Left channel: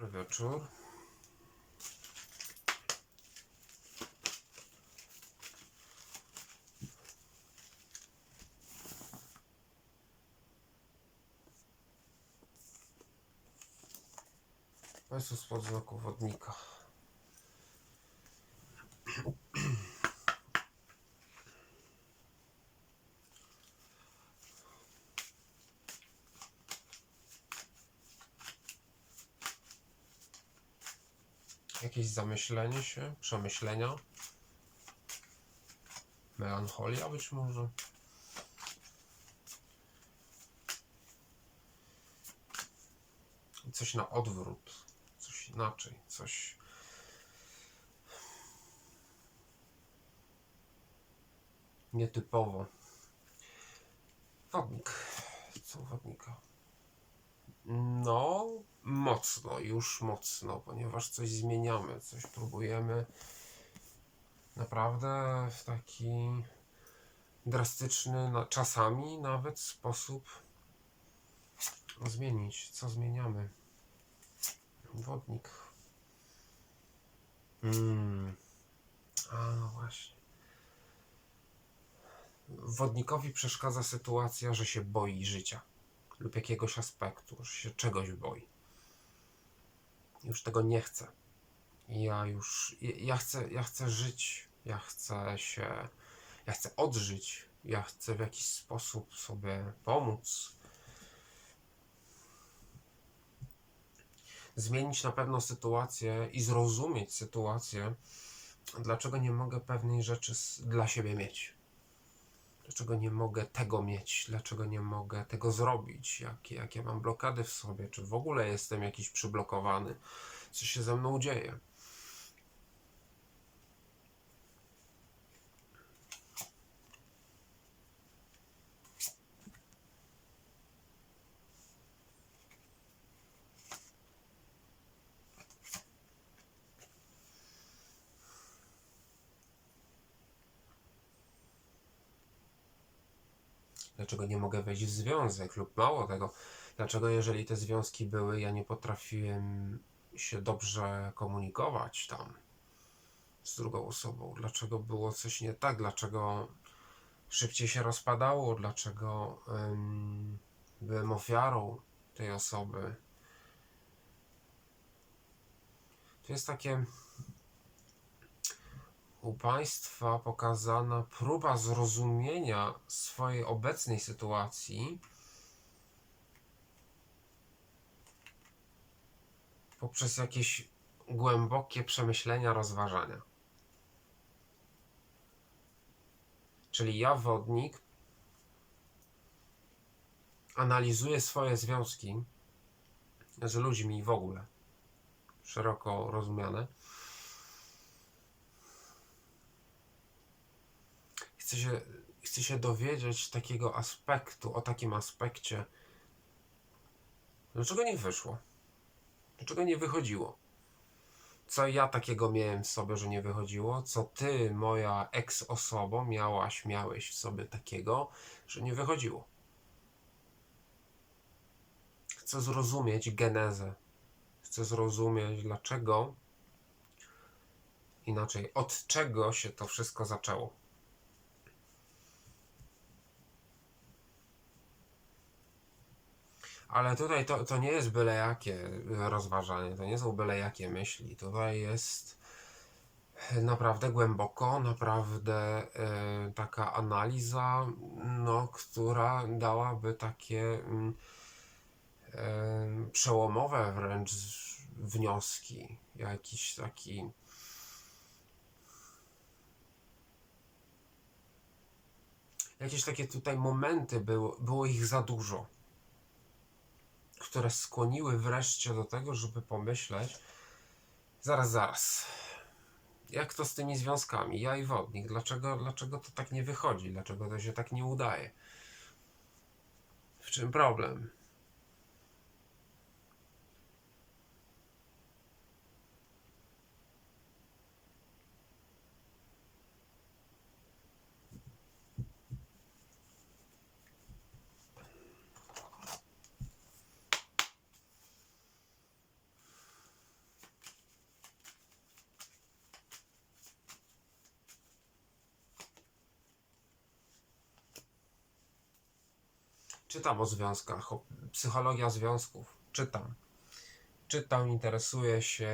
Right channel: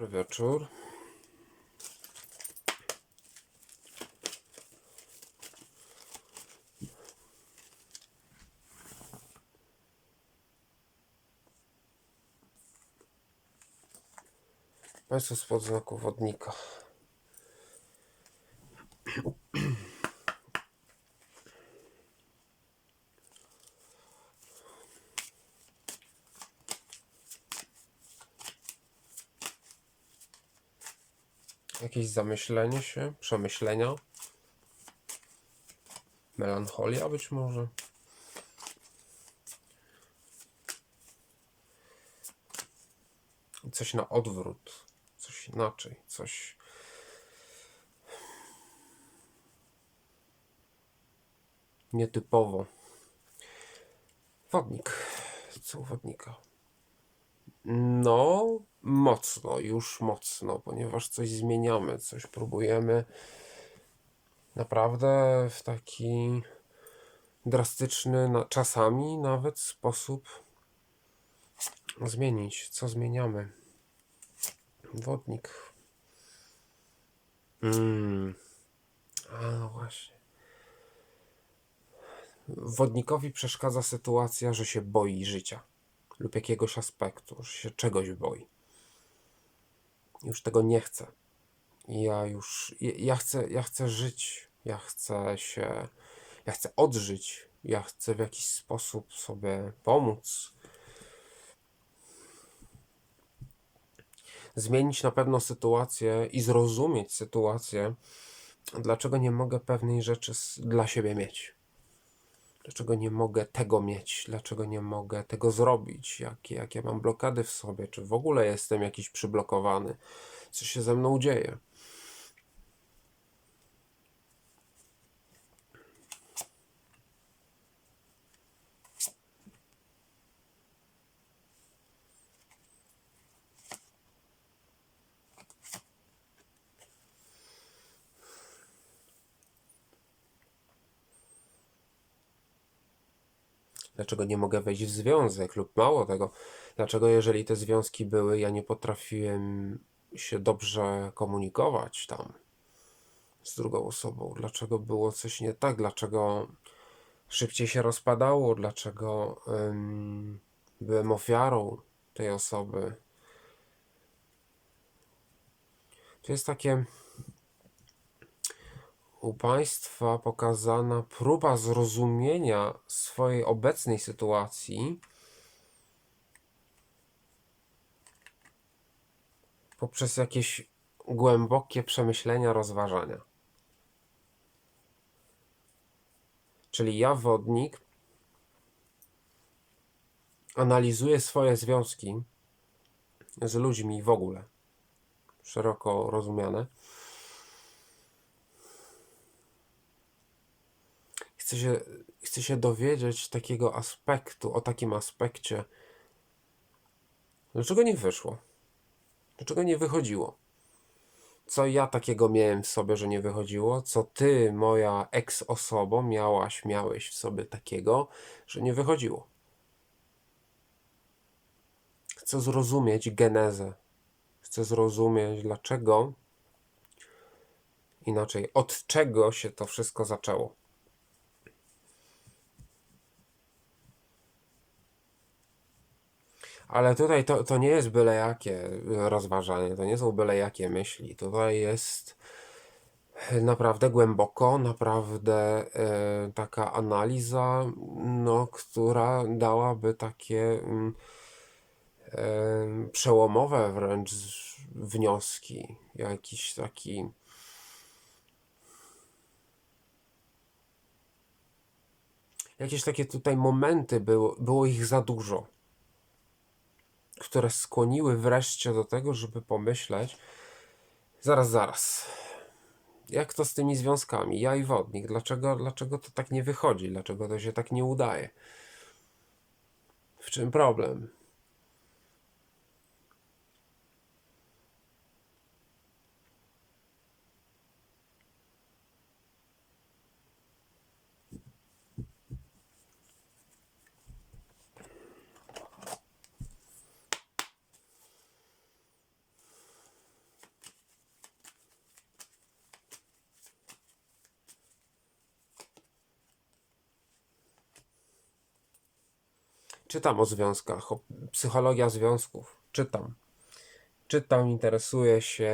Dobry wieczór. Państwo spod znaku wodnika. Jakieś zamyślenie się, przemyślenia, melancholia być może. Coś na odwrót, coś inaczej, coś. Nietypowo. Wodnik. Co wodnika? No, mocno, już mocno, ponieważ coś zmieniamy, coś próbujemy naprawdę w taki drastyczny, na, czasami nawet sposób zmienić. Co zmieniamy? Wodnik. Mm. A, no właśnie. Wodnikowi przeszkadza sytuacja, że się boi życia lub jakiegoś aspektu, że się czegoś boi. Już tego nie chcę. Ja już, ja ja chcę, ja chcę żyć, ja chcę się, ja chcę odżyć, ja chcę w jakiś sposób sobie pomóc. Zmienić na pewno sytuację i zrozumieć sytuację, dlaczego nie mogę pewnej rzeczy dla siebie mieć. Dlaczego nie mogę tego mieć? Dlaczego nie mogę tego zrobić? Jakie, jakie mam blokady w sobie? Czy w ogóle jestem jakiś przyblokowany? Co się ze mną dzieje? Dlaczego nie mogę wejść w związek? Lub mało tego, dlaczego jeżeli te związki były, ja nie potrafiłem się dobrze komunikować tam z drugą osobą? Dlaczego było coś nie tak? Dlaczego szybciej się rozpadało? Dlaczego ym, byłem ofiarą tej osoby? To jest takie u Państwa pokazana próba zrozumienia swojej obecnej sytuacji poprzez jakieś głębokie przemyślenia, rozważania. Czyli ja, wodnik, analizuję swoje związki z ludźmi w ogóle, szeroko rozumiane. Chcę się, chcę się dowiedzieć takiego aspektu, o takim aspekcie, dlaczego nie wyszło? Dlaczego nie wychodziło? Co ja takiego miałem w sobie, że nie wychodziło? Co ty, moja ex-osobo, miałaś, miałeś w sobie takiego, że nie wychodziło? Chcę zrozumieć genezę. Chcę zrozumieć, dlaczego, inaczej, od czego się to wszystko zaczęło. Ale tutaj to, to nie jest byle jakie rozważanie, to nie są byle jakie myśli. Tutaj jest naprawdę głęboko, naprawdę e, taka analiza, no, która dałaby takie mm, e, przełomowe wręcz wnioski. Jakiś taki. Jakieś takie tutaj momenty było, było ich za dużo które skłoniły wreszcie do tego, żeby pomyśleć, zaraz, zaraz, jak to z tymi związkami, ja i wodnik, dlaczego, dlaczego to tak nie wychodzi, dlaczego to się tak nie udaje? W czym problem? Czytam o związkach, o psychologia związków. Czytam. Czytam, interesuję się,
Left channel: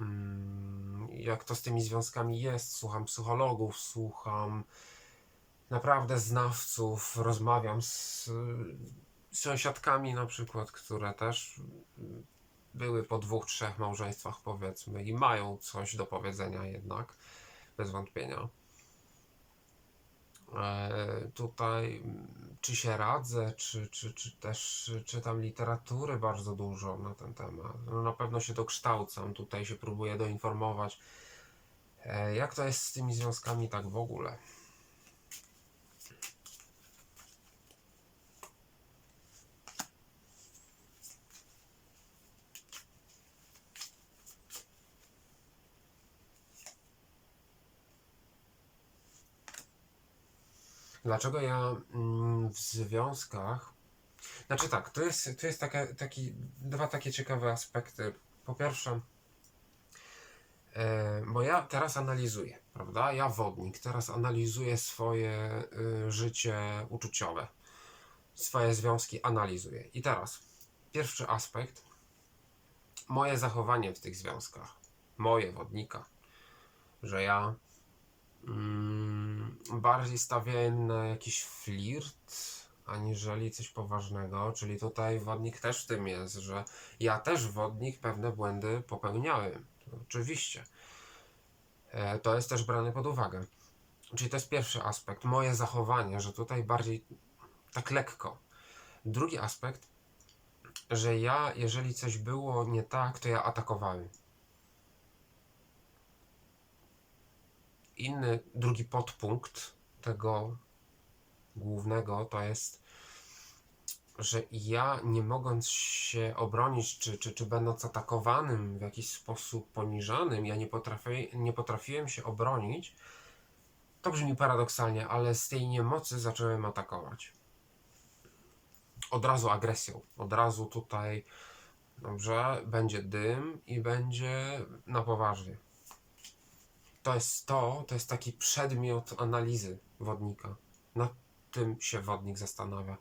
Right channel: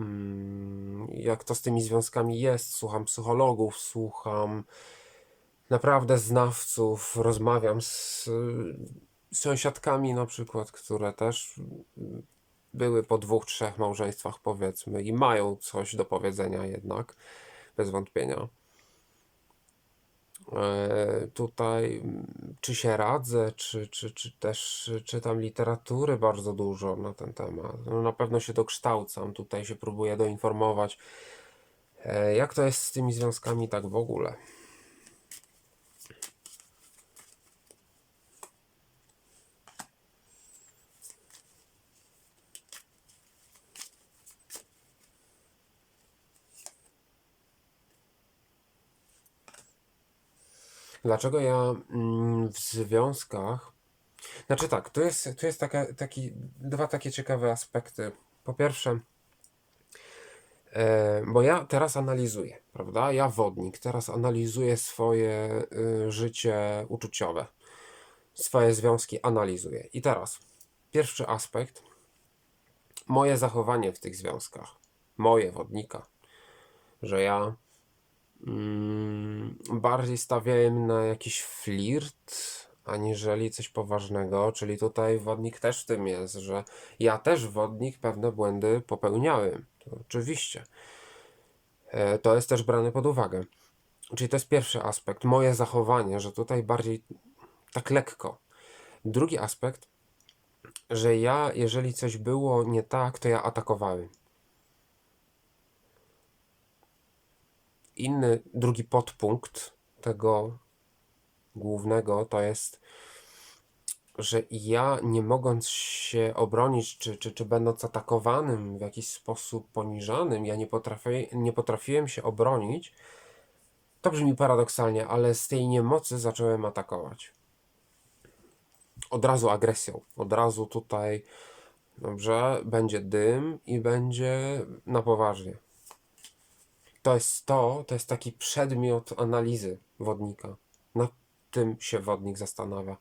mm, jak to z tymi związkami jest. Słucham psychologów, słucham naprawdę znawców, rozmawiam z, sąsiadkami na przykład, które też były po dwóch, trzech małżeństwach powiedzmy i mają coś do powiedzenia jednak, bez wątpienia. E, tutaj, czy się radzę, czy, czy, czy też czytam literatury bardzo dużo na ten temat. No, na pewno się dokształcam, tutaj się próbuję doinformować, e, jak to jest z tymi związkami tak w ogóle. Dlaczego ja mm, w związkach. Znaczy tak, tu jest, tu jest taka, taki, dwa takie ciekawe aspekty. Po pierwsze, e, bo ja teraz analizuję, prawda? Ja wodnik, teraz analizuję swoje y, życie uczuciowe, swoje związki analizuję. I teraz, pierwszy aspekt, moje zachowanie w tych związkach, moje wodnika, że ja Mm, bardziej stawiałem na jakiś flirt, aniżeli coś poważnego, czyli tutaj wodnik też w tym jest, że ja też wodnik pewne błędy popełniałem. To oczywiście. E, to jest też brane pod uwagę. Czyli to jest pierwszy aspekt, moje zachowanie, że tutaj bardziej tak lekko. Drugi aspekt, że ja, jeżeli coś było nie tak, to ja atakowałem. Inny, drugi podpunkt tego głównego to jest, że ja nie mogąc się obronić, czy, czy, czy będąc atakowanym w jakiś sposób poniżanym, ja nie, potrafię, nie potrafiłem się obronić. To brzmi paradoksalnie, ale z tej niemocy zacząłem atakować. Od razu agresją, od razu tutaj, dobrze, będzie dym i będzie na poważnie to jest to, to jest taki przedmiot analizy wodnika. Nad tym się wodnik zastanawia.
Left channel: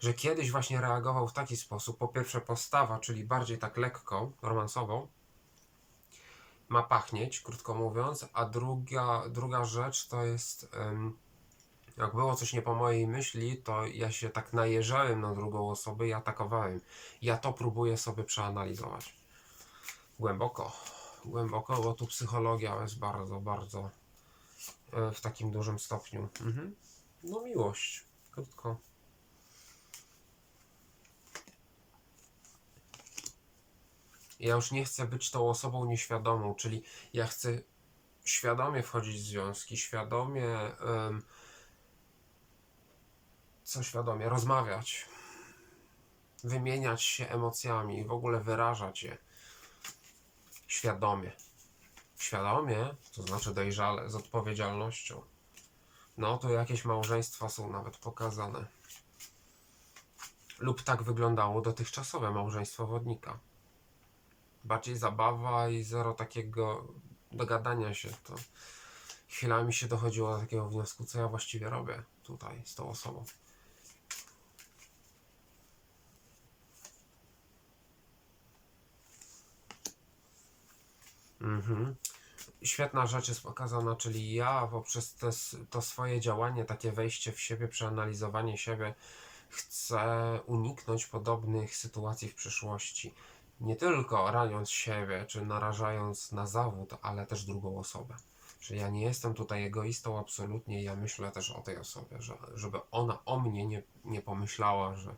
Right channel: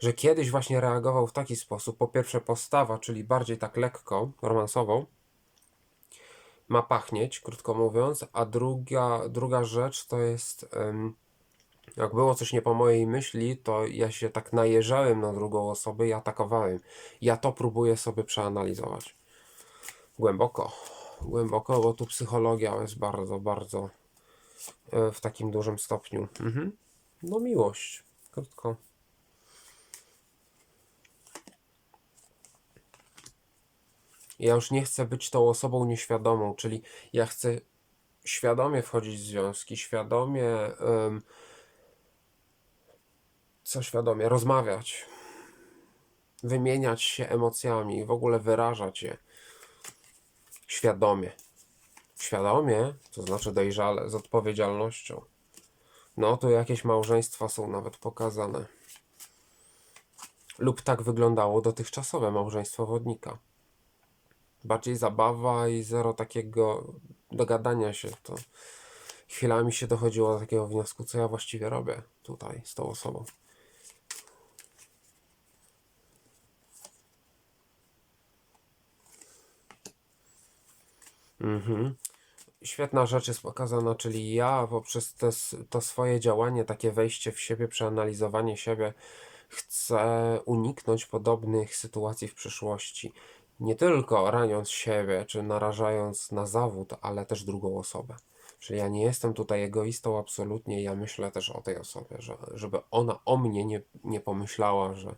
Że kiedyś właśnie reagował w taki sposób. Po pierwsze, postawa, czyli bardziej tak lekko, romansową, ma pachnieć, krótko mówiąc, a druga, druga rzecz to jest. jak było coś nie po mojej myśli, to ja się tak najeżałem na drugą osobę i atakowałem. Ja to próbuję sobie przeanalizować. Głęboko głęboko, bo tu psychologia jest bardzo, bardzo e, w takim dużym stopniu. Mhm. No miłość, krótko. Ja już nie chcę być tą osobą nieświadomą, czyli ja chcę świadomie wchodzić w związki, świadomie, um, co świadomie, rozmawiać, wymieniać się emocjami, w ogóle wyrażać je świadomie. Świadomie, to znaczy dojrzale, z odpowiedzialnością. No to jakieś małżeństwa są nawet pokazane. Lub tak wyglądało dotychczasowe małżeństwo wodnika. Bardziej zabawa i zero takiego dogadania się. To chwilami się dochodziło do takiego wniosku, co ja właściwie robię tutaj z tą osobą. Mhm. Świetna rzecz jest pokazana, czyli ja poprzez te, to swoje działanie, takie wejście w siebie, przeanalizowanie siebie, chcę uniknąć podobnych sytuacji w przyszłości. Nie tylko raniąc siebie, czy narażając na zawód, ale też drugą osobę. Czyli ja nie jestem tutaj egoistą absolutnie, ja myślę też o tej osobie, że, żeby ona o mnie nie, nie pomyślała, że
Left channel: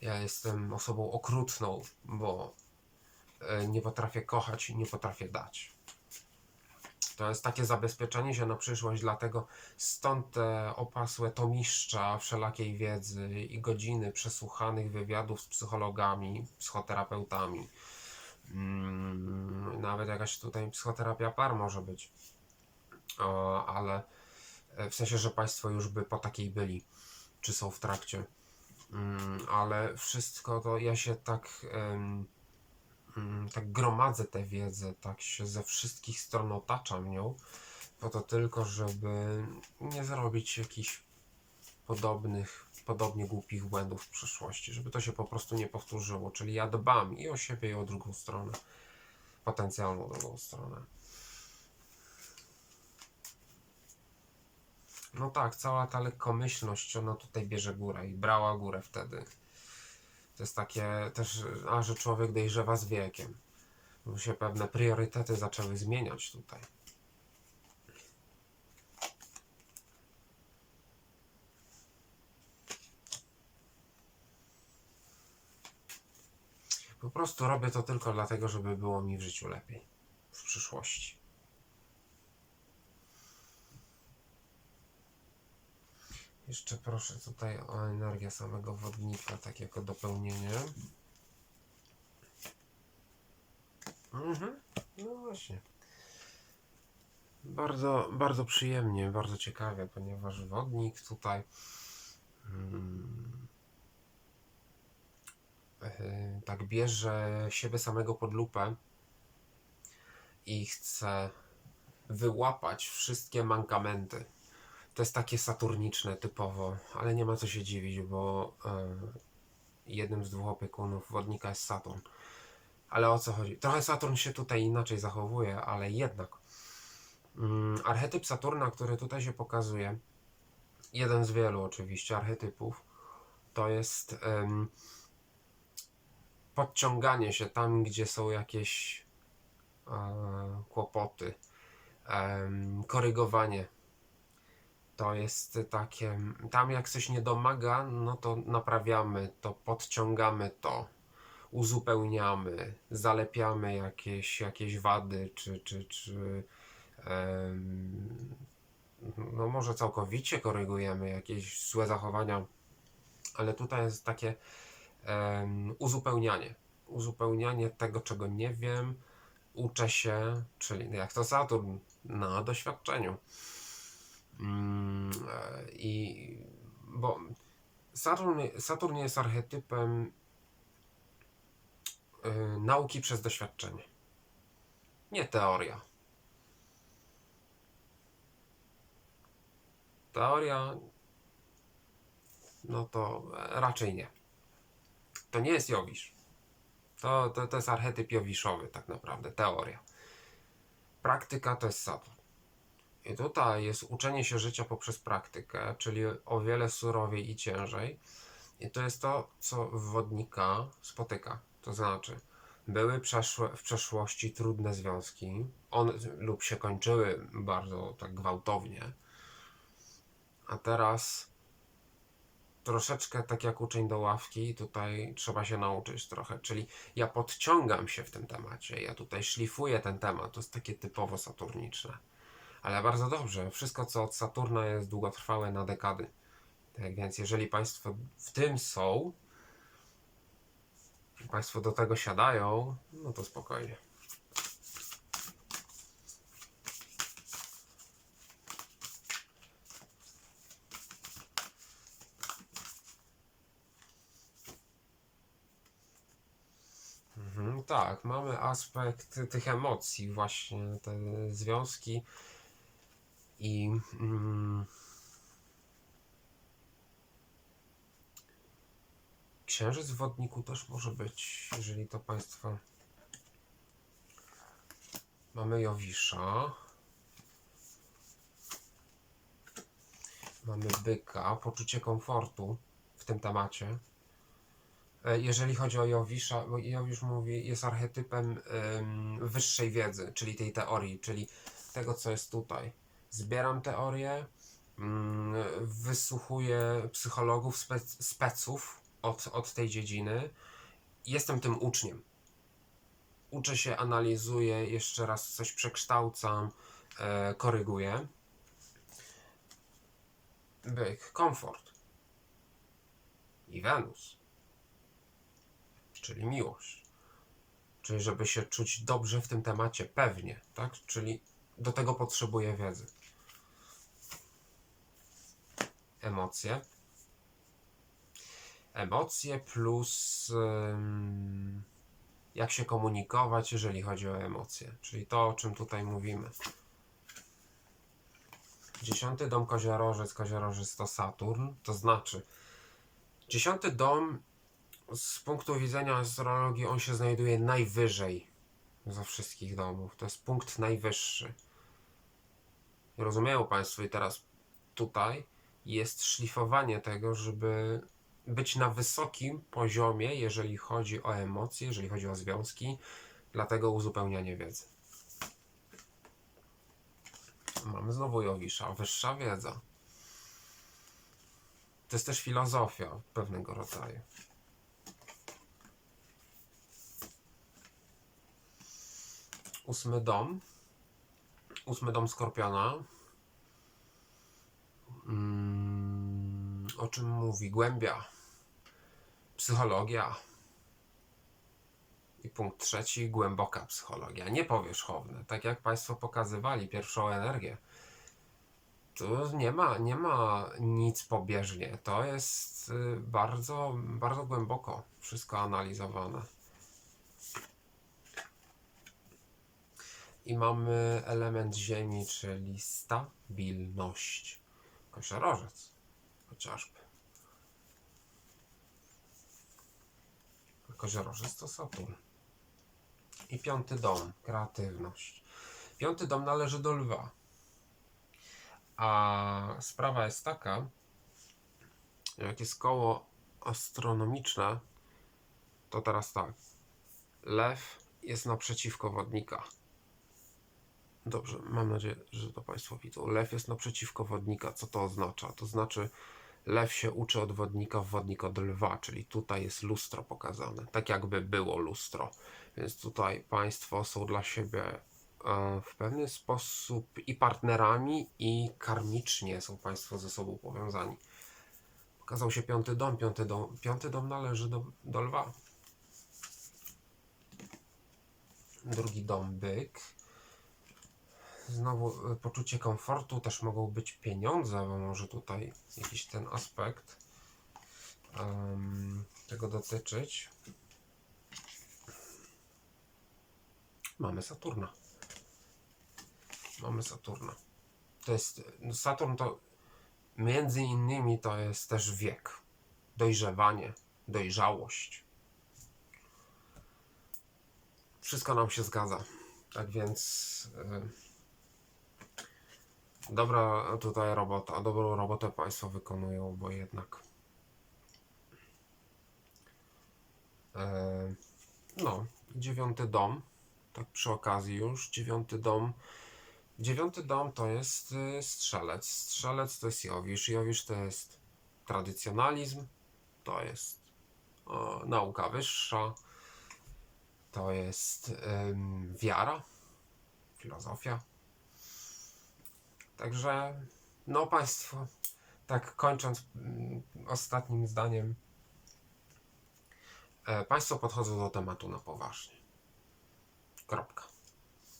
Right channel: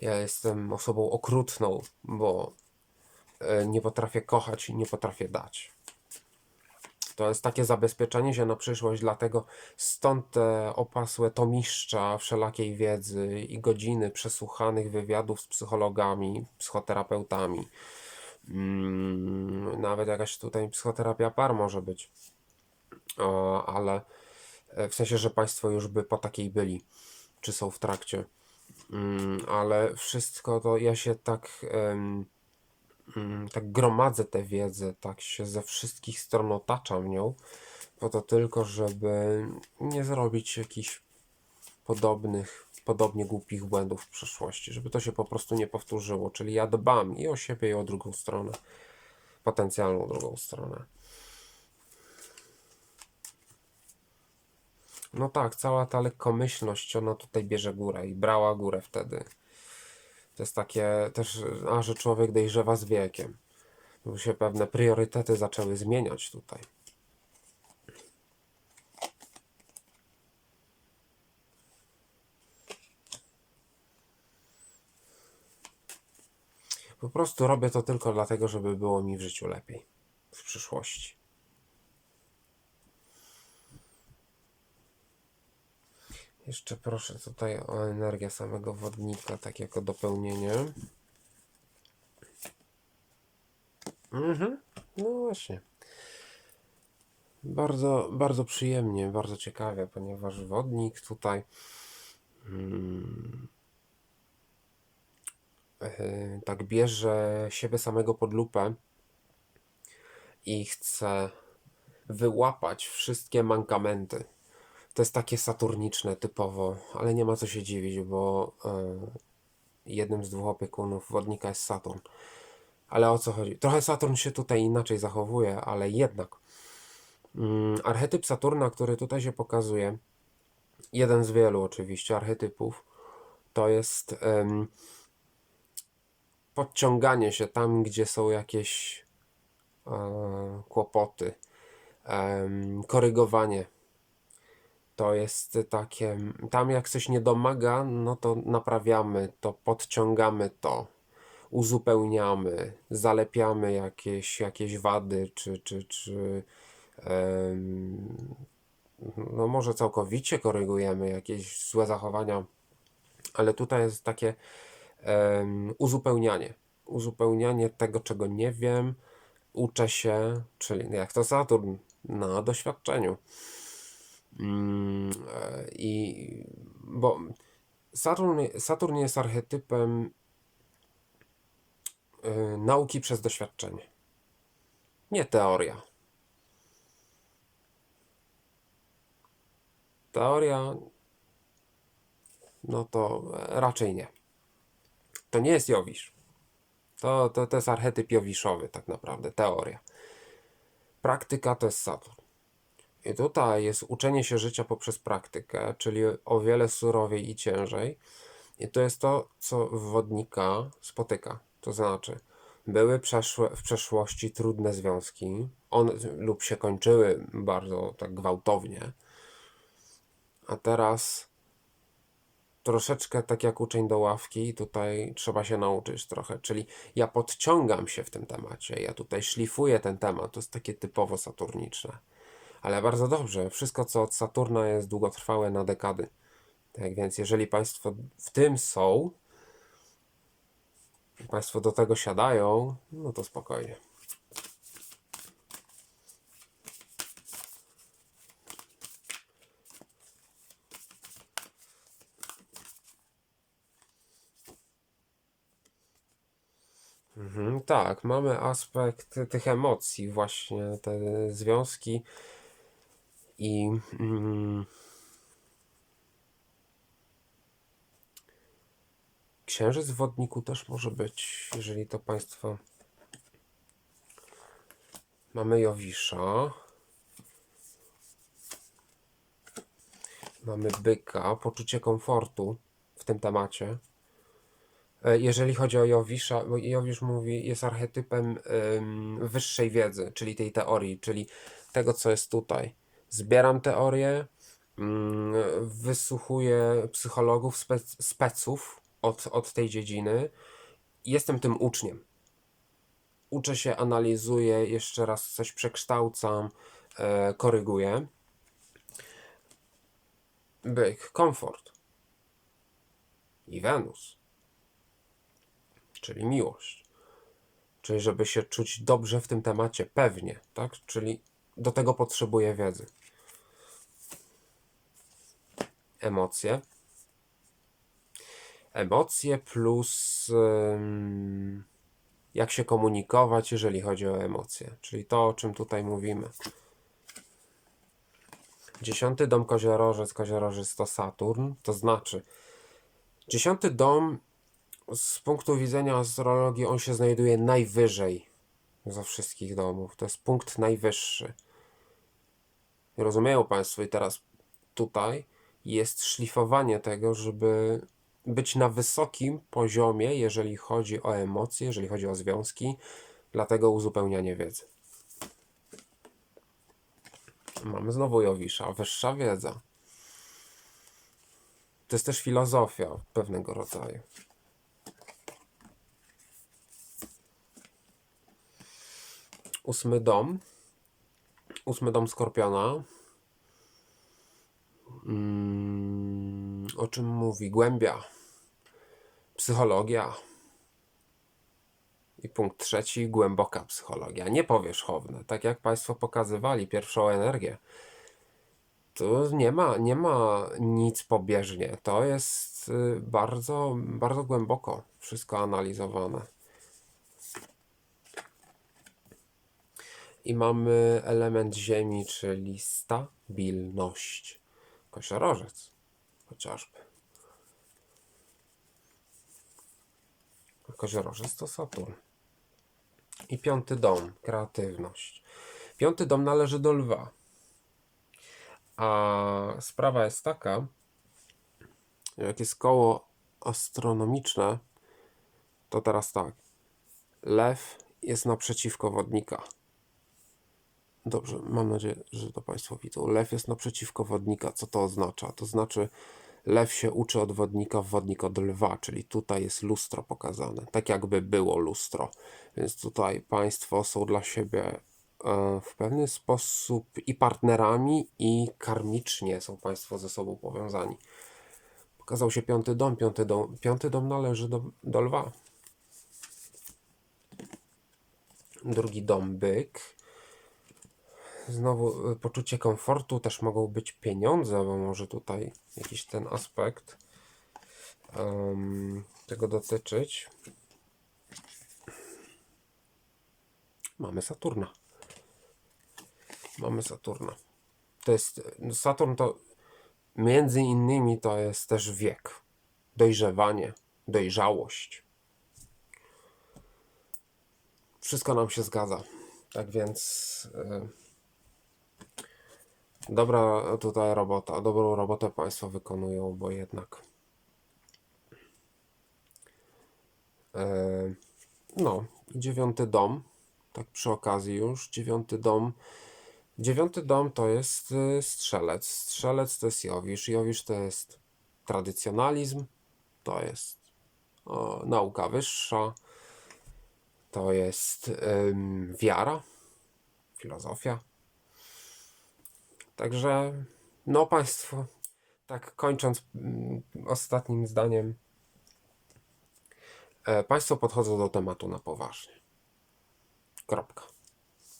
ja jestem osobą okrutną, bo nie potrafię kochać i nie potrafię dać. To jest takie zabezpieczenie się na przyszłość, dlatego stąd te opasłe tomiszcza wszelakiej wiedzy i godziny przesłuchanych wywiadów z psychologami, psychoterapeutami. Mm, nawet jakaś tutaj psychoterapia par może być. Ale e, w sensie, że Państwo już by po takiej byli, czy są w trakcie. Mm, ale wszystko to ja się tak. Mm, tak gromadzę tę wiedzę, tak się ze wszystkich stron otaczam nią, po to tylko, żeby nie zrobić jakichś podobnych podobnie głupich błędów w przeszłości, żeby to się po prostu nie powtórzyło. Czyli ja dbam i o siebie, i o drugą stronę, potencjalną drugą stronę. No tak, cała ta lekkomyślność, ona tutaj bierze górę i brała górę wtedy. To jest takie też, a że człowiek dojrzewa z wiekiem. Bo się pewne priorytety zaczęły zmieniać tutaj. Po prostu robię to tylko dlatego, żeby było mi w życiu lepiej w przyszłości. Jeszcze proszę tutaj o energię samego wodnika, tak jako dopełnienie. Mhm, no właśnie. Bardzo, bardzo przyjemnie, bardzo ciekawe, ponieważ wodnik tutaj yy, tak bierze siebie samego pod lupę i chce wyłapać wszystkie mankamenty. To jest takie saturniczne typowo, ale nie ma co się dziwić, bo yy, jednym z dwóch opiekunów wodnika jest Saturn. Ale o co chodzi? Trochę Saturn się tutaj inaczej zachowuje, ale jednak. Mm, archetyp Saturna, który tutaj się pokazuje, jeden z wielu oczywiście archetypów, to jest podciąganie się tam, gdzie są jakieś e, kłopoty, korygowanie. To jest takie, tam jak coś nie domaga, no to naprawiamy to, podciągamy to uzupełniamy, zalepiamy jakieś, jakieś wady, czy, czy, czy em, no może całkowicie korygujemy jakieś złe zachowania, ale tutaj jest takie em, uzupełnianie. Uzupełnianie tego, czego nie wiem, uczę się, czyli jak to Saturn, na doświadczeniu. Mm, e, I bo Saturn, Saturn jest archetypem y, nauki przez doświadczenie. Nie teoria. Teoria, no to raczej nie. To nie jest Jowisz. To, to, to jest archetyp Jowiszowy, tak naprawdę, teoria. Praktyka to jest Saturn. I tutaj jest uczenie się życia poprzez praktykę, czyli o wiele surowiej i ciężej. I to jest to, co wodnika spotyka. To znaczy, były przeszłe, w przeszłości trudne związki, on lub się kończyły bardzo tak gwałtownie, a teraz troszeczkę tak jak uczeń do ławki, tutaj trzeba się nauczyć trochę. Czyli ja podciągam się w tym temacie, ja tutaj szlifuję ten temat, to jest takie typowo saturniczne. Ale bardzo dobrze, wszystko co od Saturna jest długotrwałe na dekady. Tak więc, jeżeli Państwo w tym są, Państwo do tego siadają, no to spokojnie. Mhm, tak, mamy aspekt tych emocji, właśnie te związki i mm, księżyc w wodniku też może być, jeżeli to Państwo mamy Jowisza, mamy byka, poczucie komfortu w tym temacie. E, Jeżeli chodzi o Jowisza, bo Jowisz mówi, jest archetypem wyższej wiedzy, czyli tej teorii, czyli tego, co jest tutaj. Zbieram teorię, ym, wysłuchuję psychologów, spec, speców od, od tej dziedziny. Jestem tym uczniem. Uczę się, analizuję, jeszcze raz coś przekształcam, e, koryguję. Byk, komfort. I Wenus czyli miłość. Czyli żeby się czuć dobrze w tym temacie, pewnie, tak? Czyli do tego potrzebuję wiedzy. Emocje. Emocje plus jak się komunikować, jeżeli chodzi o emocje. Czyli to, o czym tutaj mówimy. Dziesiąty dom koziorożec, koziorożec to Saturn, to znaczy Dziesiąty dom z punktu widzenia astrologii on się znajduje najwyżej ze wszystkich domów. To jest punkt najwyższy. Rozumieją Państwo? I teraz tutaj jest szlifowanie tego, żeby być na wysokim poziomie, jeżeli chodzi o emocje, jeżeli chodzi o związki, dlatego uzupełnianie wiedzy. Mamy znowu Jowisza, wyższa wiedza. To jest też filozofia pewnego rodzaju. Ósmy dom. Ósmy dom Skorpiona. Mm, o czym mówi? Głębia. Psychologia. I punkt trzeci, głęboka psychologia, nie powierzchowna. Tak jak Państwo pokazywali, pierwszą energię. Tu nie ma, nie ma nic pobieżnie. To jest y, bardzo, bardzo głęboko wszystko analizowane. I mamy element ziemi, czyli stabilność. Koziorożec chociażby. Koziorożec to Saturn. I piąty dom, kreatywność. Piąty dom należy do lwa. A sprawa jest taka, jak jest koło astronomiczne, to teraz tak. Lew jest naprzeciwko wodnika. Dobrze, mam nadzieję, że to Państwo widzą. Lew jest naprzeciwko wodnika. Co to oznacza? To znaczy, lew się uczy od wodnika, wodnik od lwa, czyli tutaj jest lustro pokazane. Tak jakby było lustro. Więc tutaj Państwo są dla siebie e, w pewien sposób i partnerami, i karmicznie są Państwo ze sobą powiązani. Pokazał się piąty dom. Piąty dom, piąty dom należy do, do lwa. Drugi dom byk. Znowu y, poczucie komfortu, też mogą być pieniądze, bo może tutaj jakiś ten aspekt em, tego dotyczyć. Mamy Saturna. Mamy Saturna. To jest no Saturn to między innymi to jest też wiek, dojrzewanie, dojrzałość. Wszystko nam się zgadza. Tak więc y, dobra tutaj robota, dobrą robotę Państwo wykonują, bo jednak y, no, dziewiąty dom, tak przy okazji już, dziewiąty dom Dziewiąty dom to jest y, strzelec. Strzelec to jest Jowisz. Jowisz to jest tradycjonalizm, to jest o, nauka wyższa, to jest ym, wiara, filozofia. Także, no Państwo, tak kończąc mm, ostatnim zdaniem, e, Państwo podchodzą do tematu na poważnie. Kropka.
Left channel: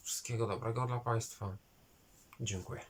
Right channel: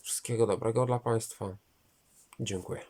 Wszystkiego dobrego dla Państwa. Dziękuję.